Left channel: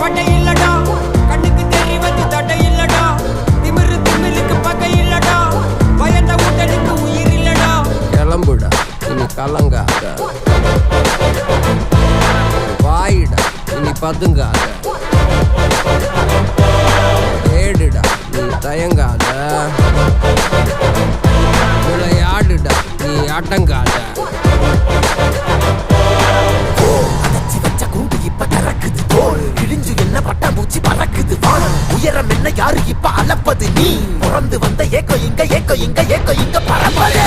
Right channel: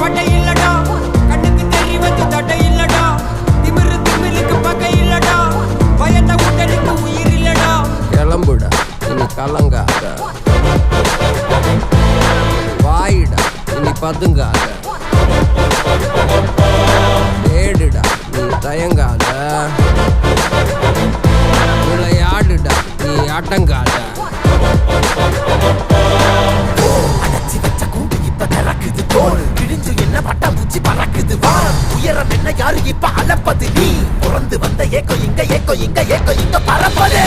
பட்டை இல்லடா, கண்ணுக்கு தெரிவது தட்டை இல்லடா, திமிரு திமிலுக்கு பகை இல்லடா, பயந்த உடலுக்கு உயிர் இல்லடா. கிளம்புடா இனி கலங்காத, வாயிடா இனி பதுங்காத, ஏடுடா நீ தயங்காத, விளையாடுடா நீ அடங்காத. உயரம் என்ன யாரு இப்ப அளப்பது, நீ பிறந்து வந்த ஏக்கோ இங்க பரம்பரை.